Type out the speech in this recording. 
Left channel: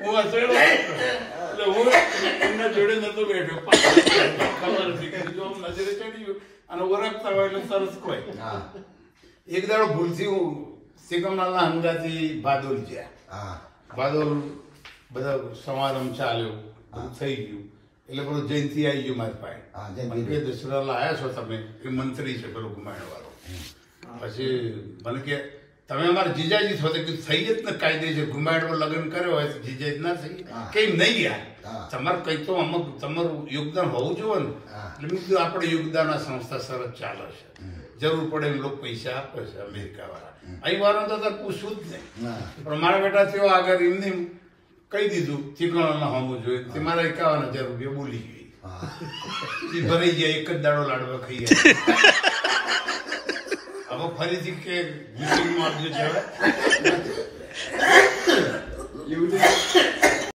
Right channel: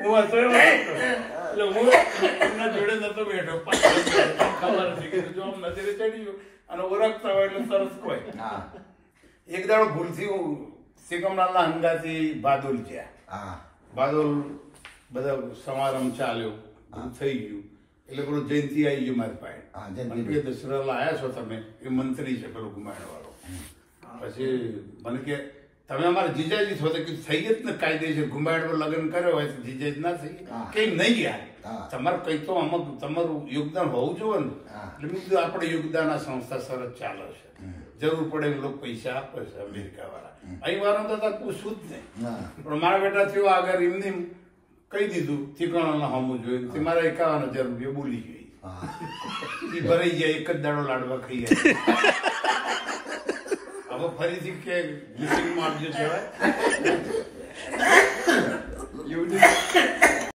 હું હસેડો એટલે હું એમના જોડે નતો બેઠો ખબર હતી જો આમ નજરે ચડ્યું અને ઓળખતા હોય એટલે સરસ કોઈ એક દાડો ભૂલથી હું સિકમનાલના હંગાથી બાદોલ ગયા બાદોલ બધા સમારંભ ચાલ્યો બધું થઈ ગયું એટલે પેલું જયંતિ આવી ગયું મારી પાસે એ દશરાલા આવ્યા છો તમે એ મંત્રી છે પેલો ગુમાયણ વાળો પછી મને કે તમે અમારા જીજાજી છો તો થઈ જ ને કાયદેસર ગુમાયણ લગ્ન કર્યો હોય તો જીજાજી ના થઈ કઈ નહીં ગયા તમારે કઈ તો અમુક તમારું યોગદાન હોવું જોઈએ ને એટલે મેં કીધું આપણે યોગદાન આ સંસ્થા સરસ ચાલે છે જરૂર પડે એમ લોકો પૈસા આપે છે અમેરિકા વાળા અહીં વાળા તો પૂછવું જ નહીં પણ મારા બેટા થયો આગળ એમને કહી દીધું ચીકણાના હોમું જોઈએ તે મારા 51,000 રૂપિયા બોલી ગઈ એ ભરાઈ ગયા એક જ દાડો લાડવા ખાઈ ગયા હવે ફરીથી કે કહેવાય